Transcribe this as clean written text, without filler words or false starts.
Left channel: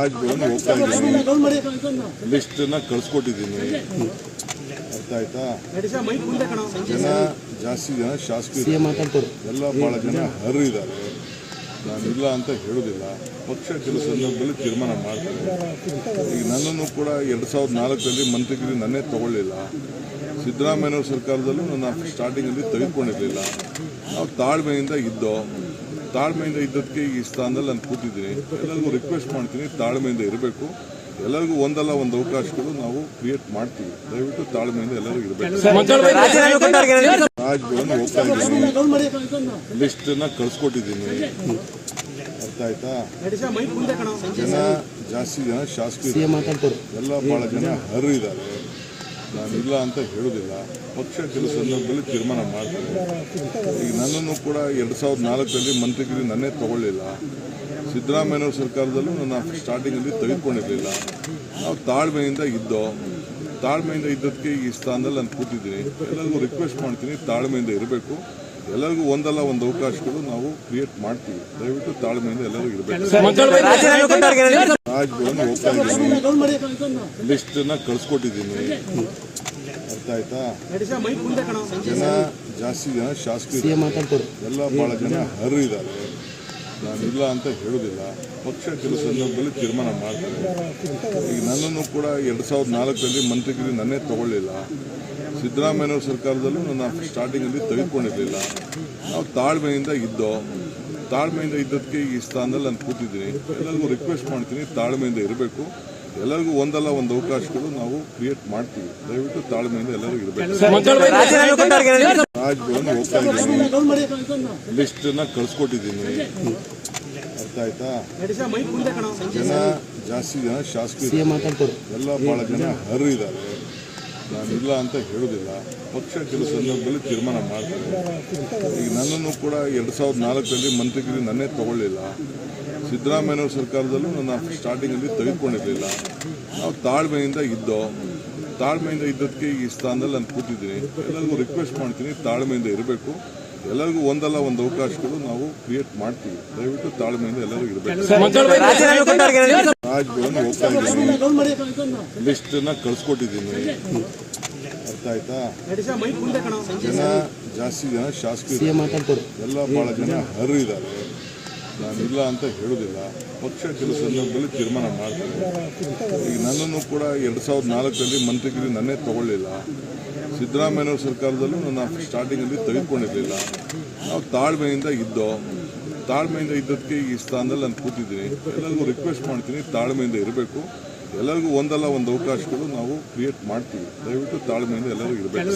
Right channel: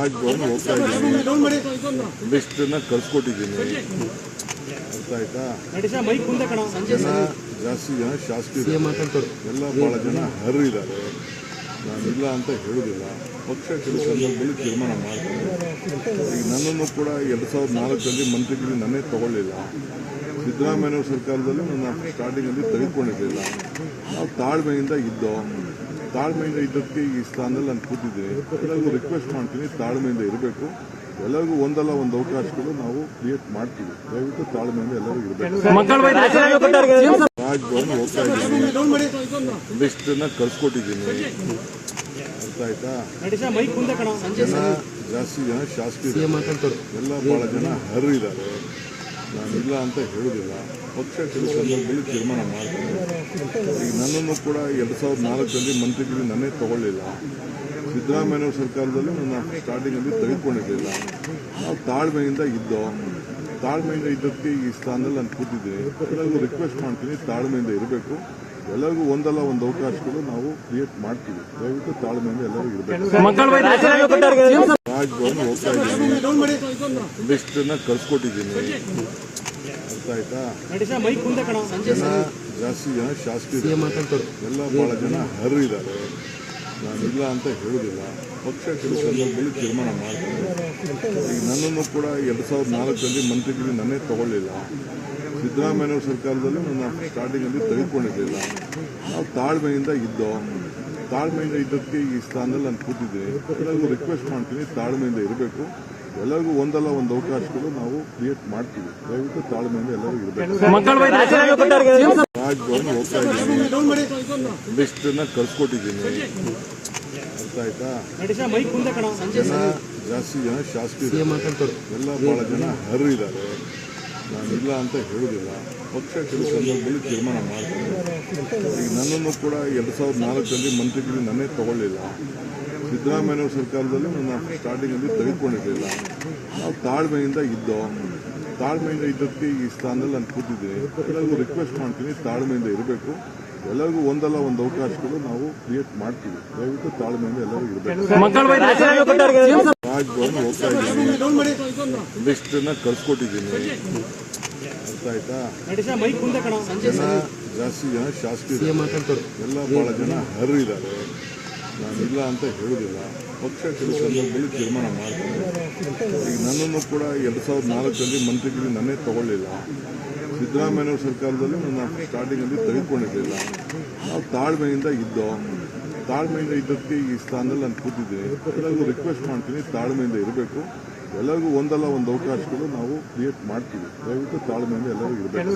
ರಾಜ್ಭವನ್ ಹೋಗ್ತಾ ಇದ್ದೀನಿ, ಲಿಸ್ಟನ್ನ ಕಳ್ಸಿಕೊಟ್ಟಿದ್ದೀನಿ. ಅರ್ಥ ಆಯ್ತಾ? ಜನ ಜಾಸ್ತಿ ಜನ ಶಾಸಕರು ಎಲ್ಲ ಭಾಳ ಜನ ಹರಿದ್ದಾರೆ. ನಾನಿಲ್ಲ ಅಂತ ಹೇಳೋದಿಲ್ಲ. ಪಕ್ಷ ಕೆಲವು ಸಂದರ್ಭದಲ್ಲಿ ತೀರ್ಮಾನ ಮಾಡ್ತಾರೆ. ಈಗ ನನ್ನನ್ನು ಕೂಡ 2004ರಲ್ಲಿ ಮಂತ್ರಿಗಿರಿ ನನ್ನೇ ತಗೊಳ್ಳಿಲ್ಲ. ಸಿದ್ದರಾಮಯ್ಯ ಸರ್ಕಾರದಲ್ಲಿ ನನ್ನ ಸ್ಟಾರ್ಟಿಂಗಲ್ಲಿ ತೆಗೆದುಕೊಂಡಿರಲಿಲ್ಲ. ನಾವು ತಾಳ್ಮೆಯಿಂದ ಇದ್ದದಕ್ಕೆ ಈ ಸ್ಥಾನದಲ್ಲಿ ನಾನು ಕೂತಿದ್ದೀನಿ. ಎಲ್ಲರಿಗೂ ರಿಕ್ವೆಸ್ಟ್ ಮಾಡ್ತೀನಿ, ತಾಳ್ಮೆಯಿಂದ ಇರಬೇಕು. ಎಲ್ಲರಿಗೂ ಒಂದಲ್ಲ ಒಂದು ಅವಕಾಶಗಳು ನಾವು ಕ್ರಿಯೇಟ್ ಮಾಡ್ತೀವಿ. ದಯವಿಟ್ಟು ತಾಳ್ಮೆಯಿಂದ ಎಲ್ಲರೂ ಇರಬೇಕು. ರಾಜ್ಭವನ್ ಹೋಗ್ತಾ ಇದ್ದೀನಿ, ಲಿಸ್ಟನ್ನ ಕಳ್ಸಿಕೊಟ್ಟಿದ್ದೀನಿ. ಅರ್ಥ ಆಯ್ತಾ? ಜನ ಜಾಸ್ತಿ ಜನ ಶಾಸಕರು ಎಲ್ಲ ಭಾಳ ಜನ ಹರಿದ್ದಾರೆ. ನಾನಿಲ್ಲ ಅಂತ ಹೇಳೋದಿಲ್ಲ. ಪಕ್ಷ ಕೆಲವು ಸಂದರ್ಭದಲ್ಲಿ ತೀರ್ಮಾನ ಮಾಡ್ತಾರೆ. ಈಗ ನನ್ನನ್ನು ಕೂಡ 2004ರಲ್ಲಿ ಮಂತ್ರಿಗಿರಿ ನನ್ನೇ ತಗೊಳ್ಳಿಲ್ಲ. ಸಿದ್ದರಾಮಯ್ಯ ಸರ್ಕಾರದಲ್ಲಿ ನನ್ನ ಸ್ಟಾರ್ಟಿಂಗಲ್ಲಿ ತೆಗೆದುಕೊಂಡಿರಲಿಲ್ಲ. ನಾವು ತಾಳ್ಮೆಯಿಂದ ಇದ್ದದಕ್ಕೆ ಈ ಸ್ಥಾನದಲ್ಲಿ ನಾನು ಕೂತಿದ್ದೀನಿ. ಎಲ್ಲರಿಗೂ ರಿಕ್ವೆಸ್ಟ್ ಮಾಡ್ತೀನಿ, ತಾಳ್ಮೆಯಿಂದ ಇರಬೇಕು. ಎಲ್ಲರಿಗೂ ಒಂದಲ್ಲ ಒಂದು ಅವಕಾಶಗಳು ನಾವು ಕ್ರಿಯೇಟ್ ಮಾಡ್ತೀವಿ. ದಯವಿಟ್ಟು ತಾಳ್ಮೆಯಿಂದ ಎಲ್ಲರೂ ಇರಬೇಕು. ರಾಜ್ಭವನ್ ಹೋಗ್ತಾ ಇದ್ದೀನಿ, ಲಿಸ್ಟನ್ನ ಕಳ್ಸಿಕೊಟ್ಟಿದ್ದೀನಿ. ಅರ್ಥ ಆಯ್ತಾ? ಜನ ಜಾಸ್ತಿ ಜನ ಶಾಸಕರು ಎಲ್ಲ ಭಾಳ ಜನ ಹರಿದ್ದಾರೆ. ನಾನಿಲ್ಲ ಅಂತ ಹೇಳೋದಿಲ್ಲ. ಪಕ್ಷ ಕೆಲವು ಸಂದರ್ಭದಲ್ಲಿ ತೀರ್ಮಾನ ಮಾಡ್ತಾರೆ. ಈಗ ನನ್ನನ್ನು ಕೂಡ 2004ರಲ್ಲಿ ಮಂತ್ರಿಗಿರಿ ನನ್ನೇ ತಗೊಳ್ಳಿಲ್ಲ. ಸಿದ್ದರಾಮಯ್ಯ ಸರ್ಕಾರದಲ್ಲಿ ನನ್ನ ಸ್ಟಾರ್ಟಿಂಗಲ್ಲಿ ತೆಗೆದುಕೊಂಡಿರಲಿಲ್ಲ. ನಾವು ತಾಳ್ಮೆಯಿಂದ ಇದ್ದದಕ್ಕೆ ಈ ಸ್ಥಾನದಲ್ಲಿ ನಾನು ಕೂತಿದ್ದೀನಿ. ಎಲ್ಲರಿಗೂ ರಿಕ್ವೆಸ್ಟ್ ಮಾಡ್ತೀನಿ, ತಾಳ್ಮೆಯಿಂದ ಇರಬೇಕು. ಎಲ್ಲರಿಗೂ ಒಂದಲ್ಲ ಒಂದು ಅವಕಾಶಗಳು ನಾವು ಕ್ರಿಯೇಟ್ ಮಾಡ್ತೀವಿ. ದಯವಿಟ್ಟು ತಾಳ್ಮೆಯಿಂದ ಎಲ್ಲರೂ ಇರಬೇಕು. ರಾಜ್ಭವನ್ ಹೋಗ್ತಾ ಇದ್ದೀನಿ, ಲಿಸ್ಟನ್ನ ಕಳ್ಸಿಕೊಟ್ಟಿದ್ದೀನಿ. ಅರ್ಥ ಆಯ್ತಾ? ಜನ ಜಾಸ್ತಿ ಜನ ಶಾಸಕರು ಎಲ್ಲ ಭಾಳ ಜನ ಹರಿದ್ದಾರೆ. ನಾನಿಲ್ಲ ಅಂತ ಹೇಳೋದಿಲ್ಲ. ಪಕ್ಷ ಕೆಲವು ಸಂದರ್ಭದಲ್ಲಿ ತೀರ್ಮಾನ ಮಾಡ್ತಾರೆ. ಈಗ ನನ್ನನ್ನು ಕೂಡ 2004ರಲ್ಲಿ ಮಂತ್ರಿಗಿರಿ ನನ್ನೇ ತಗೊಳ್ಳಿಲ್ಲ. ಸಿದ್ದರಾಮಯ್ಯ ಸರ್ಕಾರದಲ್ಲಿ ನನ್ನ ಸ್ಟಾರ್ಟಿಂಗಲ್ಲಿ ತೆಗೆದುಕೊಂಡಿರಲಿಲ್ಲ. ನಾವು ತಾಳ್ಮೆಯಿಂದ ಇದ್ದದಕ್ಕೆ ಈ ಸ್ಥಾನದಲ್ಲಿ ನಾನು ಕೂತಿದ್ದೀನಿ. ಎಲ್ಲರಿಗೂ ರಿಕ್ವೆಸ್ಟ್ ಮಾಡ್ತೀನಿ, ತಾಳ್ಮೆಯಿಂದ ಇರಬೇಕು. ಎಲ್ಲರಿಗೂ ಒಂದಲ್ಲ ಒಂದು ಅವಕಾಶಗಳು ನಾವು ಕ್ರಿಯೇಟ್ ಮಾಡ್ತೀವಿ. ದಯವಿಟ್ಟು ತಾಳ್ಮೆಯಿಂದ ಎಲ್ಲರೂ ಇರಬೇಕು. ರಾಜ್ಭವನ್ ಹೋಗ್ತಾ ಇದ್ದೀನಿ, ಲಿಸ್ಟನ್ನ ಕಳ್ಸಿಕೊಟ್ಟಿದ್ದೀನಿ. ಅರ್ಥ ಆಯ್ತಾ? ಜನ ಜಾಸ್ತಿ ಜನ ಶಾಸಕರು ಎಲ್ಲ ಭಾಳ ಜನ ಹರಿದ್ದಾರೆ. ನಾನಿಲ್ಲ ಅಂತ ಹೇಳೋದಿಲ್ಲ. ಪಕ್ಷ ಕೆಲವು ಸಂದರ್ಭದಲ್ಲಿ ತೀರ್ಮಾನ ಮಾಡ್ತಾರೆ. ಈಗ ನನ್ನನ್ನು ಕೂಡ 2004ರಲ್ಲಿ ಮಂತ್ರಿಗಿರಿ ನನ್ನೇ ತಗೊಳ್ಳಿಲ್ಲ. ಸಿದ್ದರಾಮಯ್ಯ ಸರ್ಕಾರದಲ್ಲಿ ನನ್ನ ಸ್ಟಾರ್ಟಿಂಗಲ್ಲಿ ತೆಗೆದುಕೊಂಡಿರಲಿಲ್ಲ. ನಾವು ತಾಳ್ಮೆಯಿಂದ ಇದ್ದದಕ್ಕೆ ಈ ಸ್ಥಾನದಲ್ಲಿ ನಾನು ಕೂತಿದ್ದೀನಿ. ಎಲ್ಲರಿಗೂ ರಿಕ್ವೆಸ್ಟ್ ಮಾಡ್ತೀನಿ, ತಾಳ್ಮೆಯಿಂದ ಇರಬೇಕು. ಎಲ್ಲರಿಗೂ ಒಂದಲ್ಲ ಒಂದು ಅವಕಾಶಗಳು ನಾವು ಕ್ರಿಯೇಟ್ ಮಾಡ್ತೀವಿ. ದಯವಿಟ್ಟು ತಾಳ್ಮೆಯಿಂದ ಎಲ್ಲರೂ ಇರಬೇಕು.